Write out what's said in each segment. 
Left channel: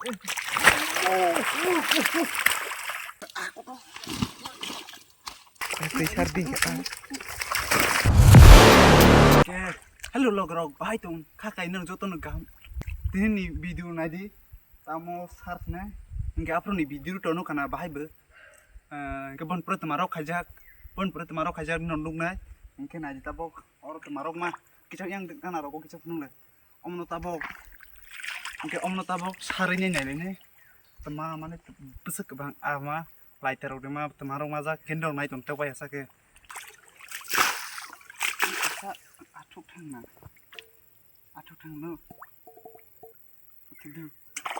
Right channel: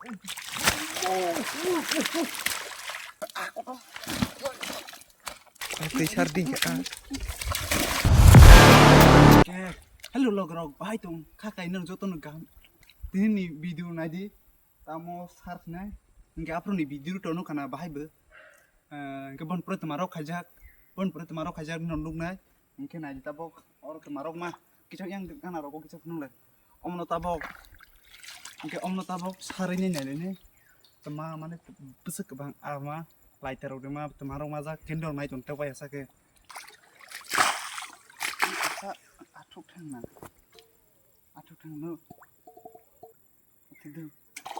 Tay sarding ka. Hello logrok bahai tong khakai nang joto no gam tini video nadi tamo search na inga apro ni video to no kana bahai be ke bon pro tamarok khajak nonduk na inke nadi tabok or tamarok ma kichak yang kana roko kichak nung le omno tabok sarini nai ne tama mane besek bang ama lighter ode ma tamarok ma ja kendor nai tong tawai asake atuk thang no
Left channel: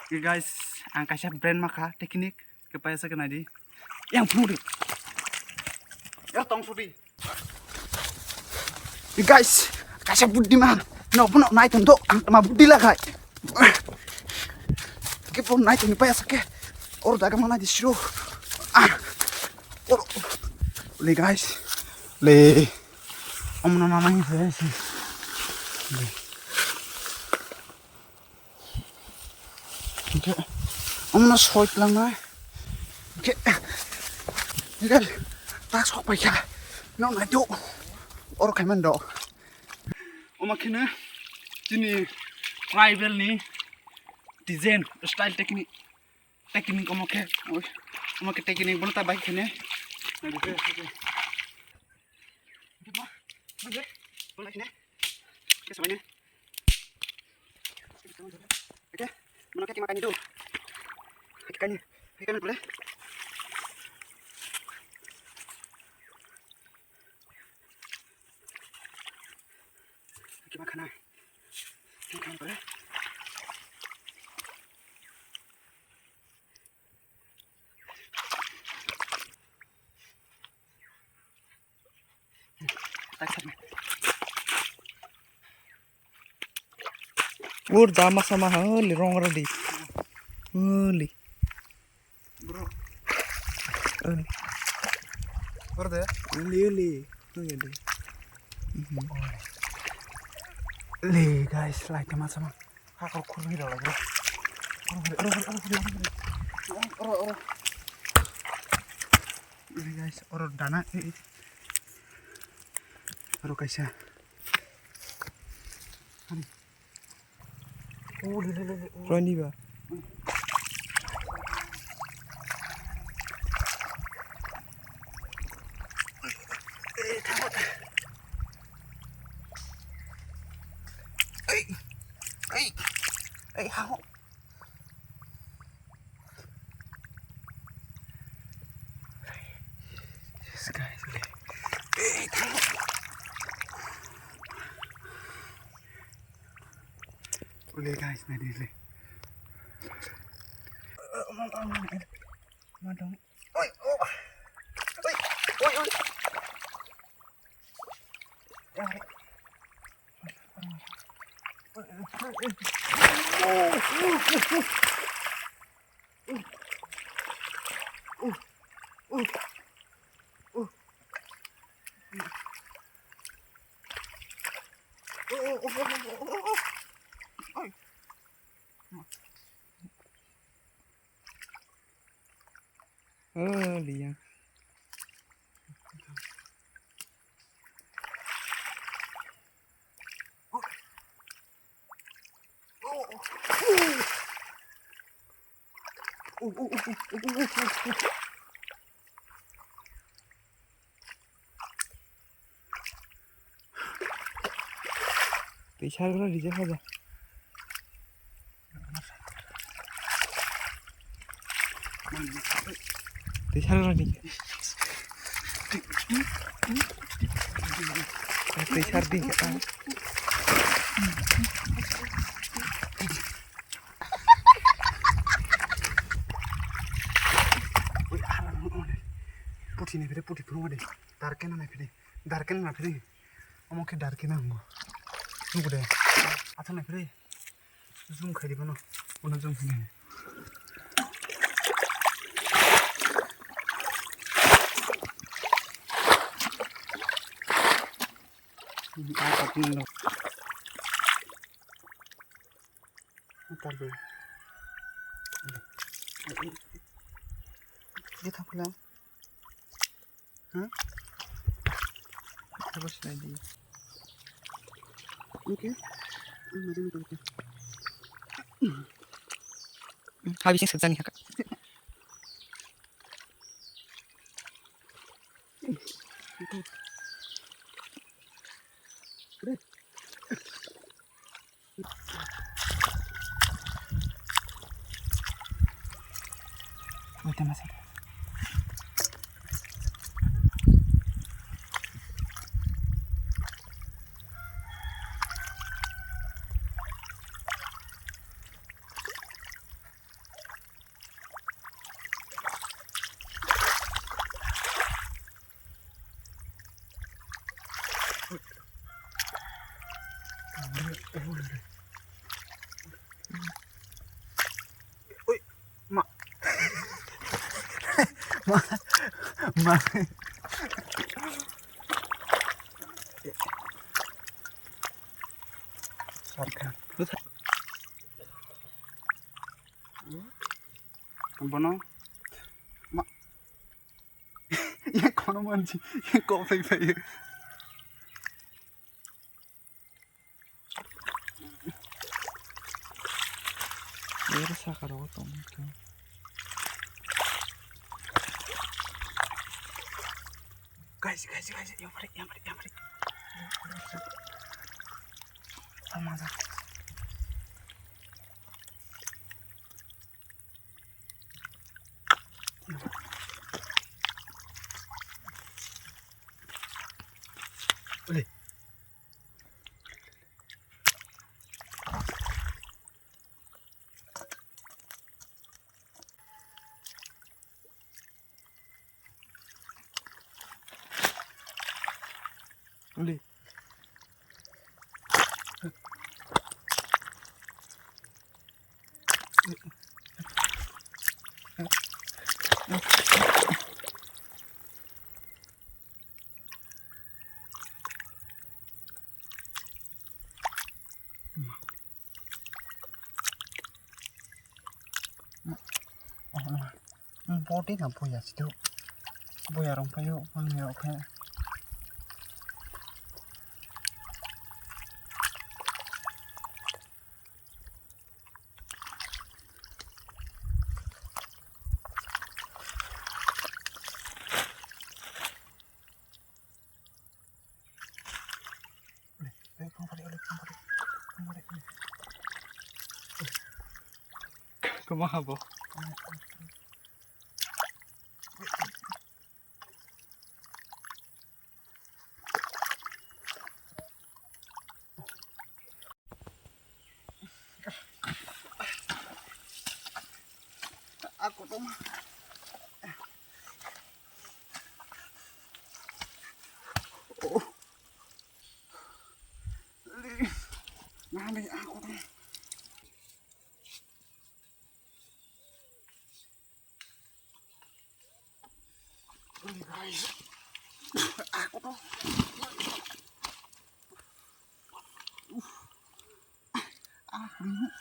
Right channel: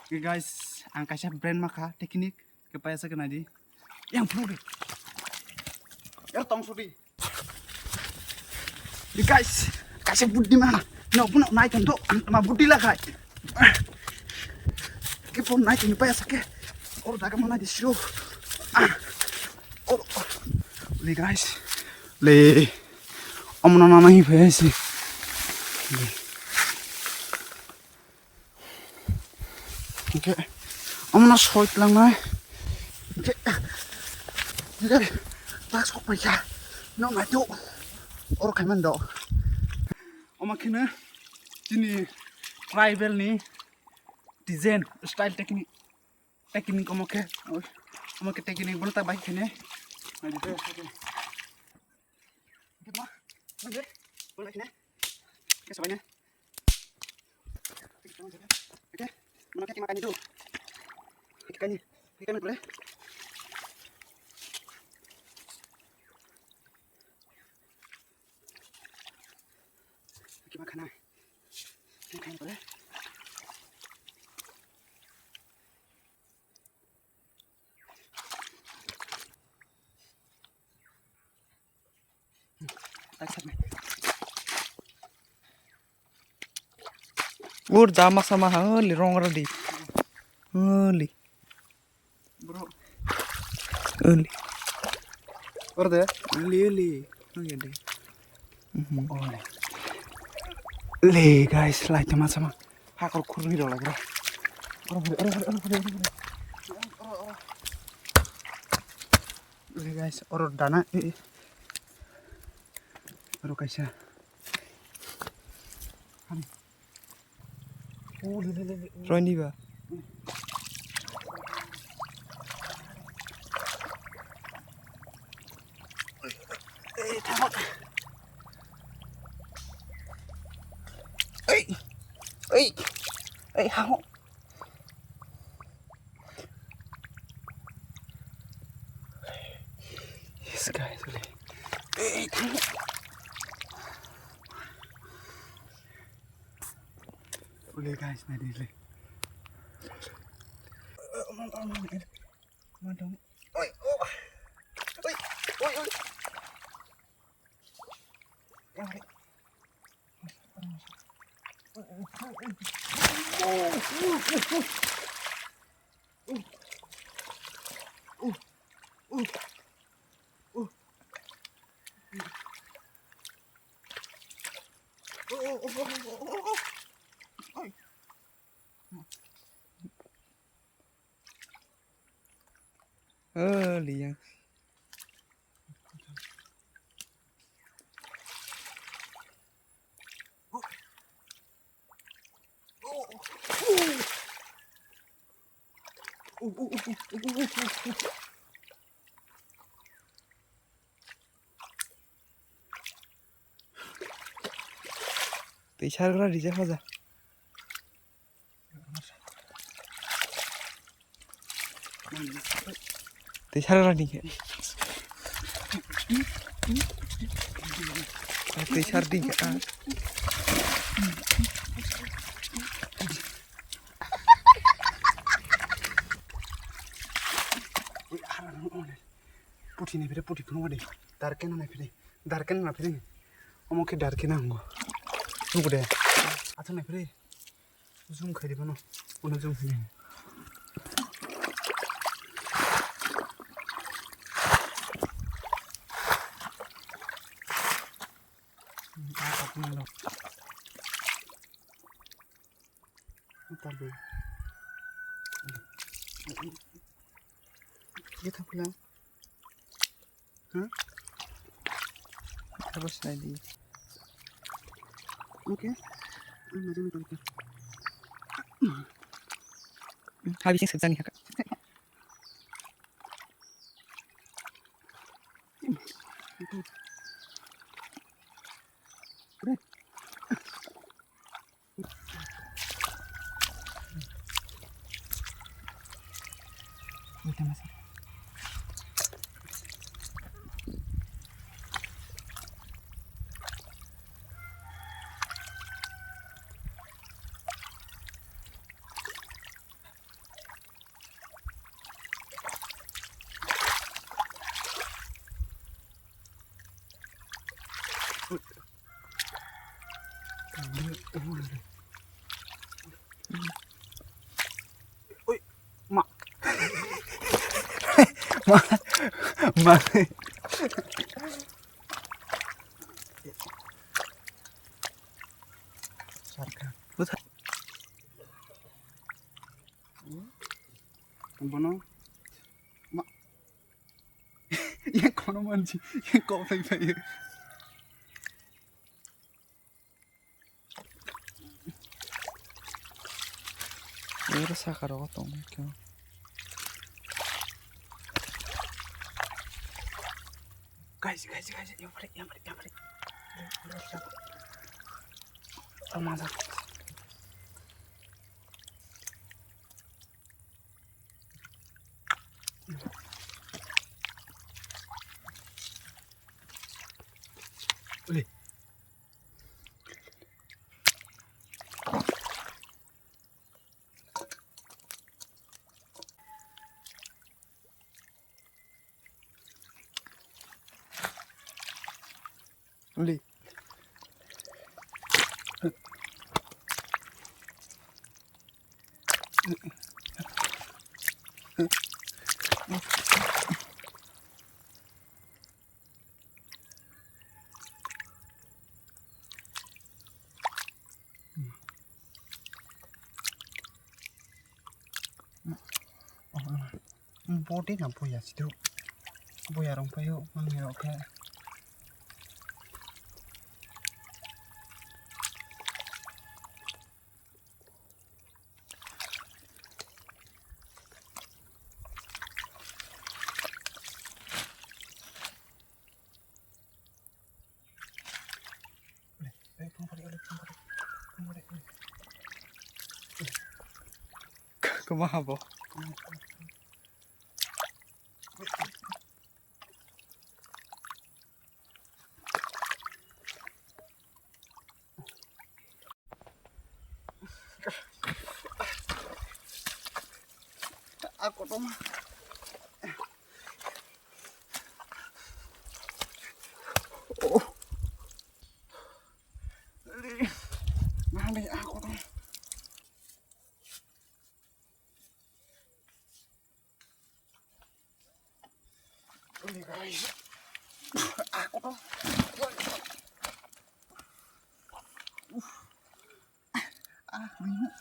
guys ang kaisa brand maka teknik ke paisa ke nadi yang puri ya tong sudi guys kaisa budi ma no puno nai tong ang tama budi la khai ke pun nai tong paisa ke or daga mana di show or le guys le omno na nahi bhesi okay omno soit lang na okay okay tak sok pa ya no na do or kai man do omakine jini tribal ni design style technique omake technique bolta bike khine na dite okay boleh sini oke semuanya oke mana kaki makan itu ikannya boleh kaki makanan boleh Ur jama sama hali rong radi. Hali. bro Hali. orde Hali. Oke deh. le guys like sama hakor kurni do lagi guys oro dana oro kaisa Roni ba. how Yes guys. boleh guys nadi le Madong. oi ya Hali yang. Tay sarra rija haja. Tay sarra ni. Tay sarding ka. puti ne fere puti puno de darken na fere omo ke darken ngo ngude ata na fere zoom khadi bono ono zoom ne Kita pulang. Hah? Terus lagi. Oke. Habisin sekejap nih kakak. Udah masih. Oi, mak. Mak. Sarkan. Bono. Mak. Yang kono manji, yang kopi payu. Udah sakar otong itu. Guys, yang balik. Sama. Boleh. Boleh. Body na boya situ. Boya rong payo mangyo ke. Kumaha po? Aku tuh Nani aku tuh. Ini guys. Aku tuh. Bingung.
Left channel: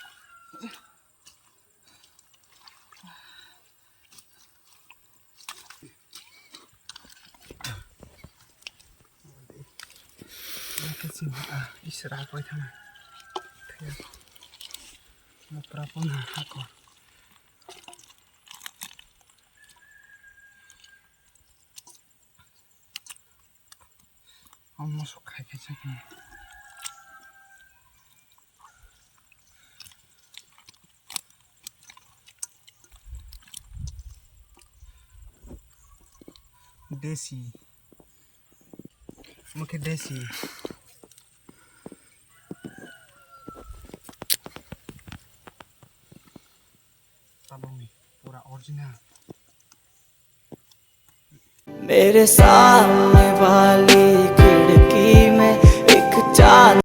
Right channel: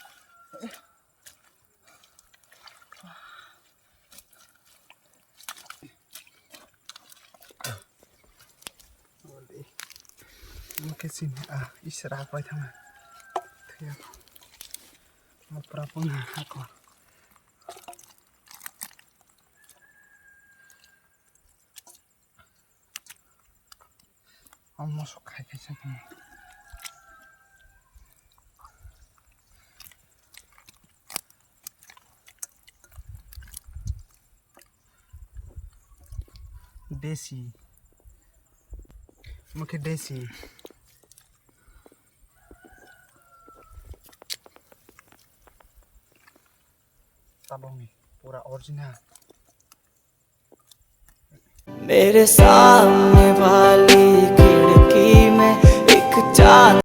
Cái gì mà Israel quay thằng này thì một problem là còn ông nó sụt cái gì này देसी मुझे देसी tabong nih pura original मेरे सामने वाली खिड़की में एक चांद